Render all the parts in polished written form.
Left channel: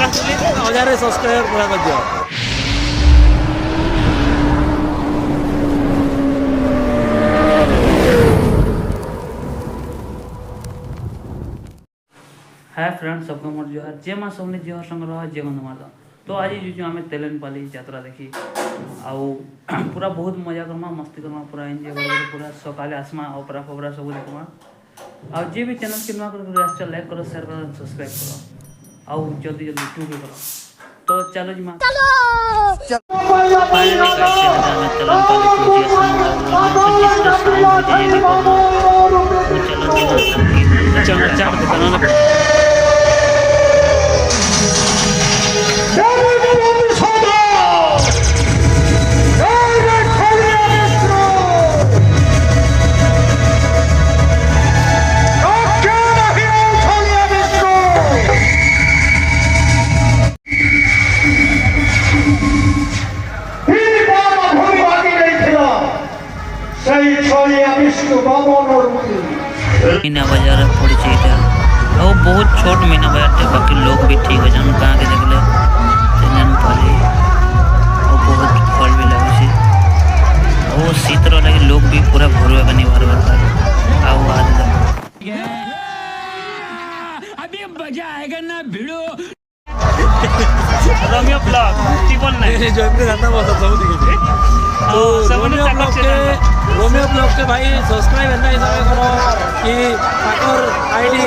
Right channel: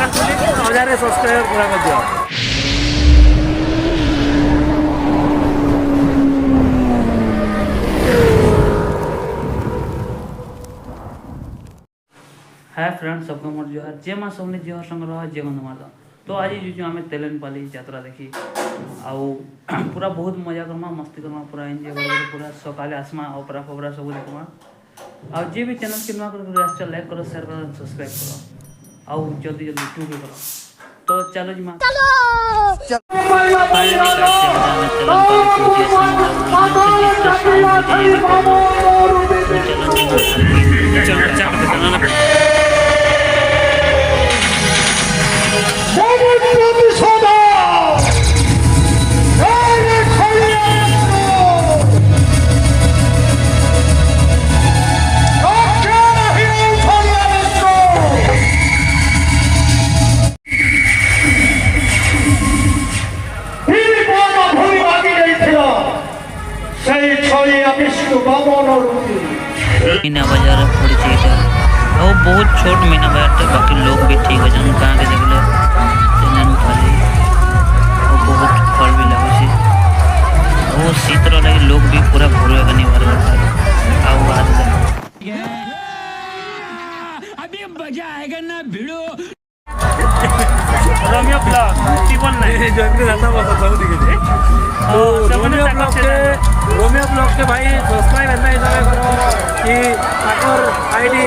आकाश तुली 1000 subscriber पूरा कर दियो। हाय फ्रेंड्स, सबको मोर जोहार। जे माँ सबने जोहार संग्रह जे गंध मारदा। तो आज जो आम तेलेनपाली यात्रा देखी आउ पूरा बहुत मजा करमा, मस्ती करमा, पूरा एंजॉय कर, पूरा सकाले आसमा ऑपरा फपरा सब देखमा। आउ जे भी चैनल के नुआ कर लाइक करो, शेयर करो, सब्सक्राइब करो आउ जल्दी जल्दी टू भी करो। तो चलो जी मां, फाइनली गाइस से हमें तेलेनपाली पहुंची असम आउ यहां से जिसका साउंड मुझे ये देखो वो चलो जी मां सबकी चलो ना मीना बाजार पड़ी और बहुत छोट मीना बाजार बाकी लोग भी ठीक है जन कहाँ के देखले तेलेनपाली और बहुत फल भी लगुच और शीतर लगे लोग भी पूरा भर नहीं भर अभी मजा आएगा ना भिड़ो रोमियो ब्लॉग टीवन नहीं जो इनके जाता वो सब दिखे तो रोमियो ब्लॉग के भाई सब्सक्राइब एंदा हिसाब करो कि ताकर आईडी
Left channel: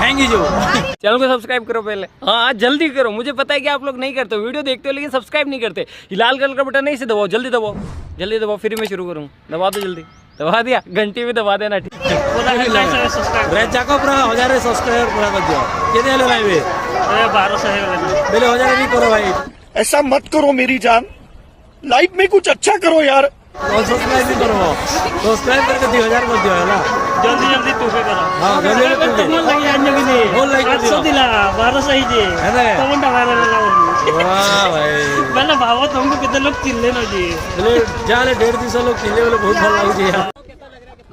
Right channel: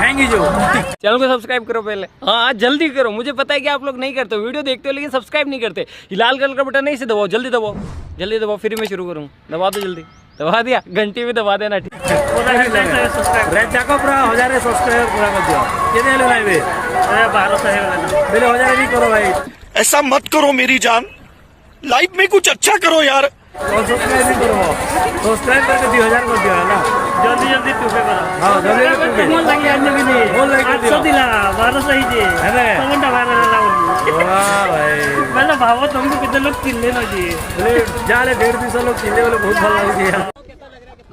हैंगी जो चैनल को सब्सक्राइब करो पहले। हाँ जल्दी करो, मुझे पता है कि आप लोग नहीं करते हो, वीडियो देखते हो लेकिन सब्सक्राइब नहीं करते। ये लाल कलर का बटन नहीं से दबाओ, जल्दी दबाओ, जल्दी दबाओ, फिर मैं शुरू करूँ। दबा दो जल्दी, दबा दिया, घंटी भी दबा देना। ठीक पूरा सब्सक्राइब रेड जाको पूरा 1000 सब्सक्राइबर पूरा कर दियो। कितने लेना है बे? 1200 है लेना। पहले 1000 नहीं करो भाई, ऐसा मत करो मेरी जान, लाइफ में कुछ अच्छा करो यार। सब्सक्राइब नहीं करो, सब्सक्राइब करके 2000 कर दियो है ना। जल्दी जल्दी टू पे करो। हां जल्दी जल्दी मोल लगी अन्य भी नहीं मोल लगी 800 दिला 1200 ही जे है ना। तो मुंडा वाला ला बोली वाह भाई, पहले भावो तुमको कितने लोग किल्ले न जी बोले जाले 150 लोग किले वाले बहुत फल लागू जी।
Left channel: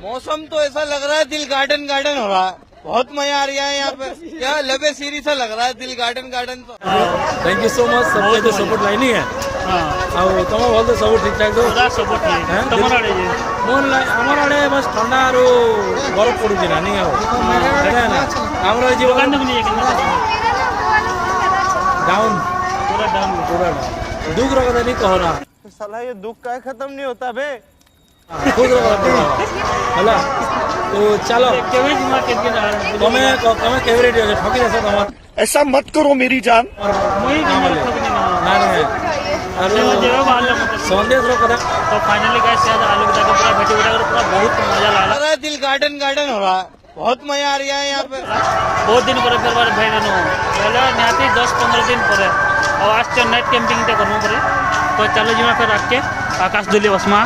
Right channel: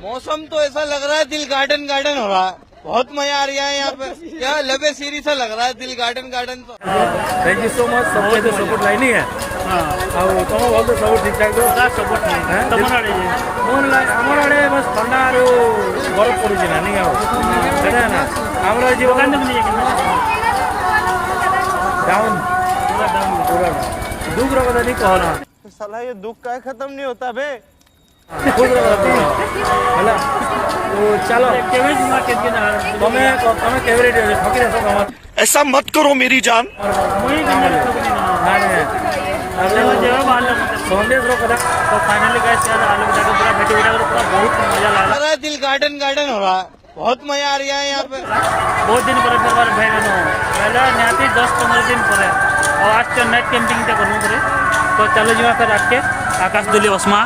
मौसम तो ऐसा लग रहा है दिल गार्डन गार्डन हो रहा है, बहुत मजा आ रहा है यहाँ पे। क्या लबे सीरी सा लग रहा है दिल गार्डन गार्डन। तो थैंक यू सो मच, सबके तो सपोर्ट लाइनी है। हां ଆଉ ତମ ଭଲ ତ ସବୁ ଠିକ ଠାକ ତ पूरा सपोर्ट नहीं तमर आड़े जे मोर ଆମର ଆଡେ ବସ୍ ଥଣ୍ଡା ଆରୁ ବରଫ ପଡୁଛି ନା ନାଇଁ ଆଉ ସେଟା ନା ଆମର ଏଇ दुकान ଜୀବନ तक नहीं है कितना डाउन पूरा डाउन पूरा दुख ର କଥା नहीं कहो ना। साला ये दुख का खत्म नहीं होता बे। खुद ର କଥା कहो ହେଲା। तो चलो केवे मार्केट के ना તમે કેવી રીતે ઠોકી દેશો તમાર? ऐसा मत करो मेरी जान। मोई काम ठगनी ना ના રે चलो जेवा बाल मतलब संदेश रो कथा। तो फाइनली गाइस यार आलू बिटा के पूरा भेटी बिटा कर पूरा बहुत मजा लग लागला। रहा है दिल गार्डन गार्डन हो रहा है, बहुत मजा आ रहा है यहाँ पे। बहुत दिन पर फिर बार भाई नो पहले निहाती 10-15 दिन पर और आज तो नाइट कैंपिंग ते करमु परे। तो चलो जी मैं फिर आके आकाश दुली osma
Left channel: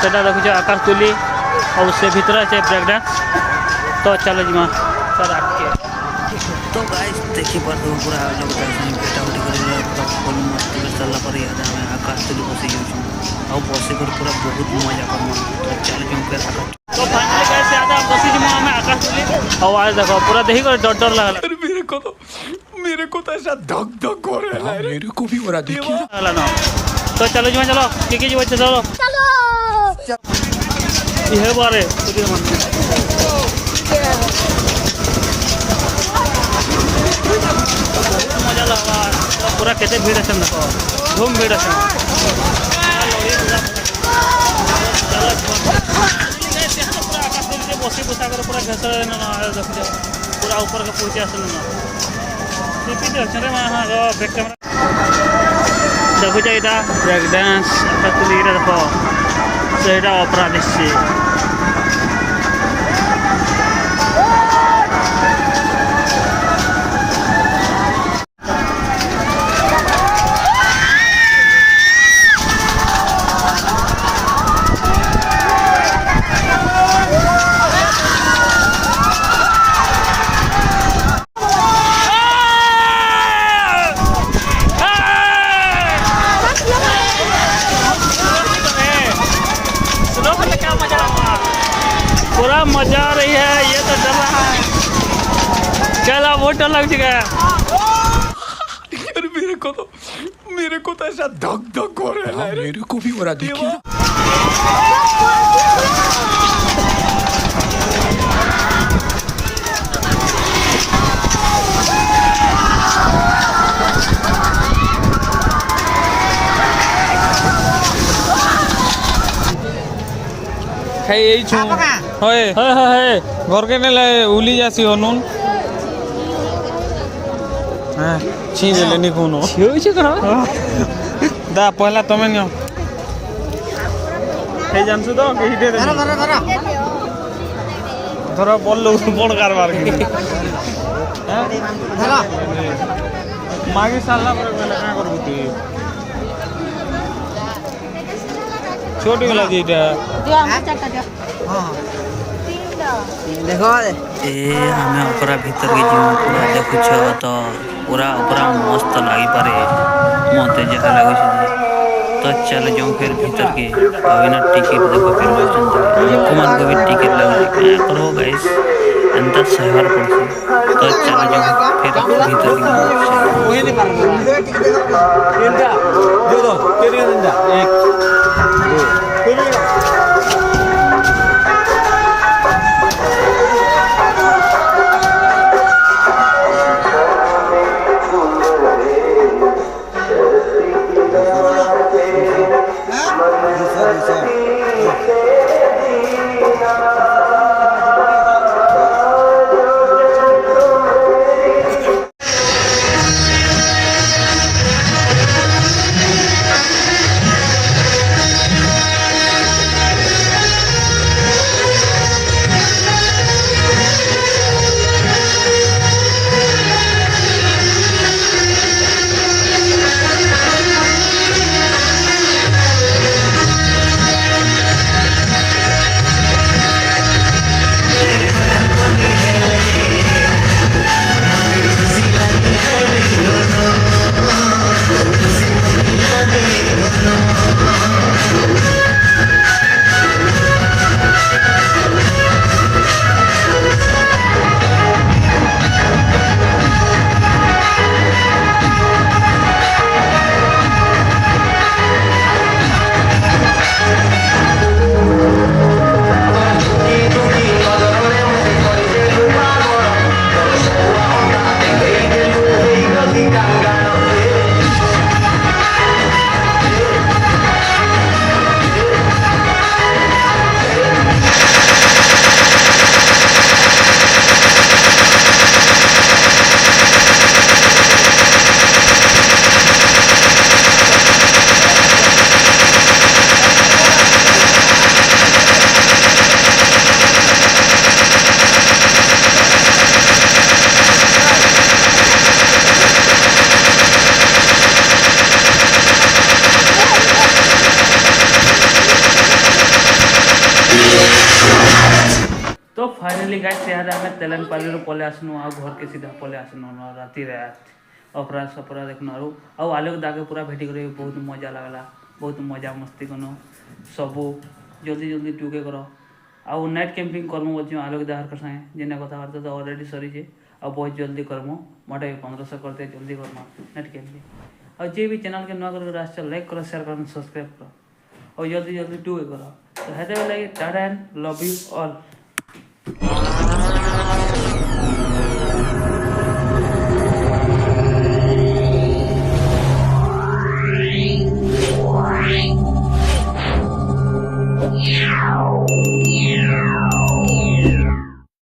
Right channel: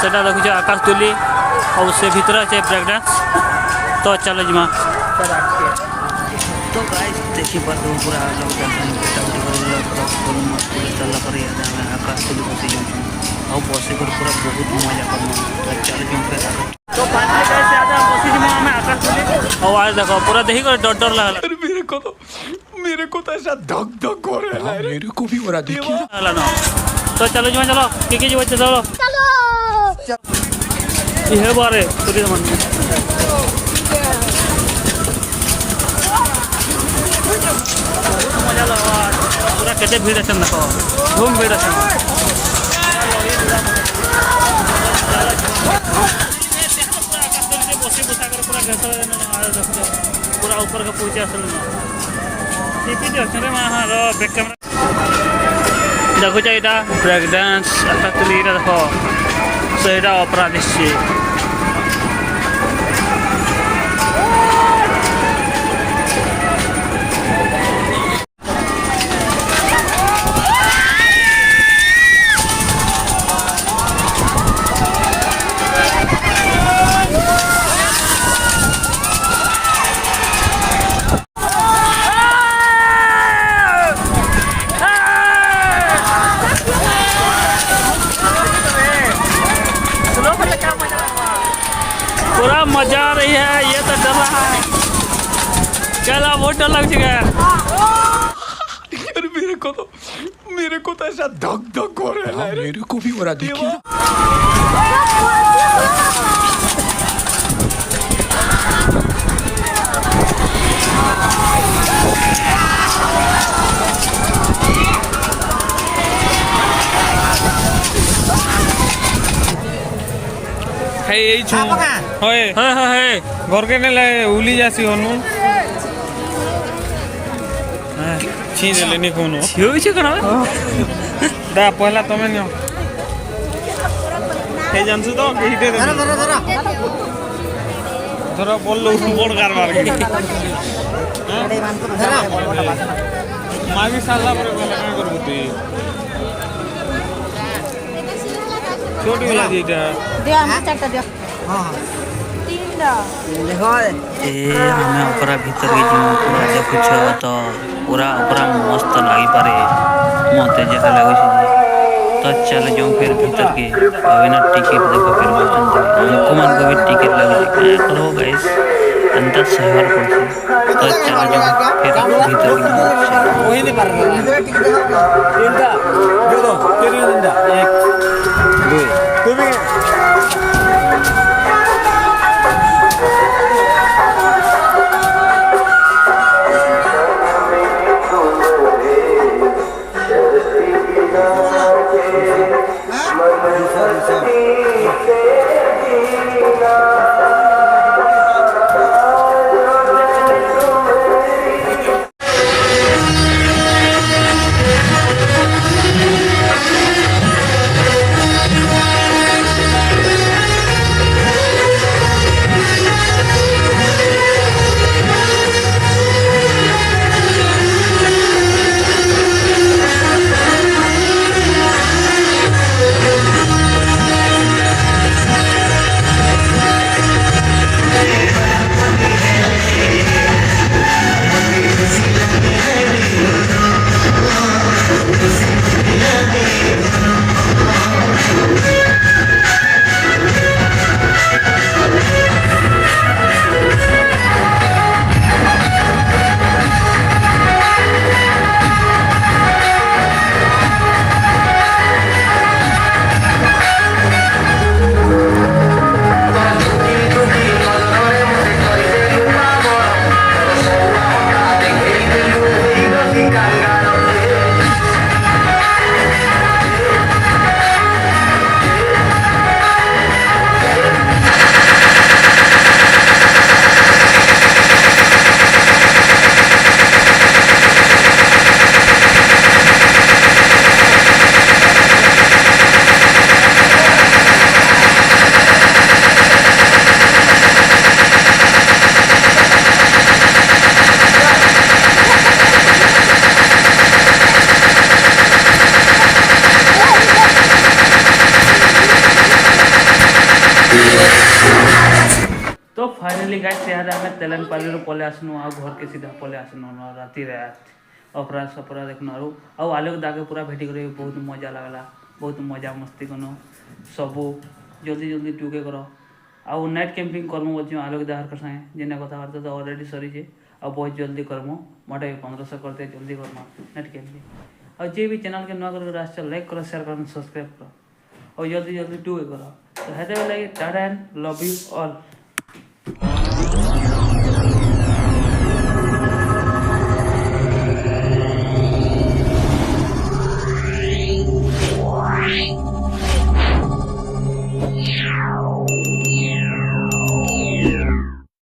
सेटा देखु आकाश दुली और उससे भीतर है ब्रेक डांस। तो चलो जी मैं फिर आके तो गाइस देखी पर दो पूरा लोग डांस में बेटा उठी कर पूरा फुल मस्ती कर चलला पर याद हमें आकाश दुली बसी जाऊ और बसी कर पूरा बहुत मजा करमा। तो चलो जी फिर आकाश तो फाइनली गाइस याद बसी जी हमें आकाश दुली और आज देखो पूरा देखी कर डर डर लागला। मेरे को तो ऐसा धक धक हो रहा है, मेरे को भी हो रहा देखिए ना। तो चलो जी चलो की जी बच्चे चलो ये बारे पूरी मन मजा लगा पूरा केते भीड़ है देखो धूम भीड़ है बसी बुसा कर पूरा घेसर देख पूरा ऊपर का पहुंचे आसल ना टीपी दे अच्छे रे हां रो बैक कैमरा देखो एटा ब्रेक डांस आकाश देखो सेटा ऑपरा दिसছে। पूरा मजा आ रही है, ये तो डर रहा है। चला बहुत डर लग चुका है। को तो ऐसा धक धक हो रहा है। मेरे को भी हो रहा, देखिए। খাই এই ছো হয় হ্যাঁ হ্যাঁ হ্যাঁ ঘরকে নেলে উলি যাসি হনুন হ্যাঁ ছি দেলে নি কোনো হয়েছে কেন দা পয়লা তুমি নিও এই জানছু তো এই দে ধরো বললো বড় কারবার ধরো মাগি সালা পরে বেলা কা করব তুই छोटी वाला दीटा ए हमें ओकरा भीतर के जीव पूरा देखुछ तो पूरा ओकरा मस्त लगी पारे मते जहा लागै छै तो चल जाऊं फिर भीतर के अभी ना टिकट देखो फिर बचन कुमान को भी टिकट लगे क्या करो गाइस अंदर शहर पड़ছে तो चल जाऊं फिर भीतर के वही निकाल तीनटा दे दो तेरी तीनटा एक दो तेरी तो फाइनली गाइस यार हमें तेलनपाली रो पले आसनु आ घर के सीधा पले आसनु राती रात अपराध सपरा देखनु आ आलोक दागे पूरा भेटी करे बहुत मजा लागला बहुत मजा मस्ती कनो सबू जल्दी जल्दी टूके करो आ नाइट कैंपिंग करमु बच्चो आलोक दाहर कर संगे जेने कथा बार्ता तो ऑलरेडी सरी जे आ बहुत जल्दी करमु मोटे 1500 करते जल्दी करमु नाइट कैंपिंग और जे भी चैनल के नया कर रास्ता लाइक करो शेयर करो सब्सक्राइब करो और जल्दी जल्दी टूके करो तो हेते like Tata and love you all Yeah.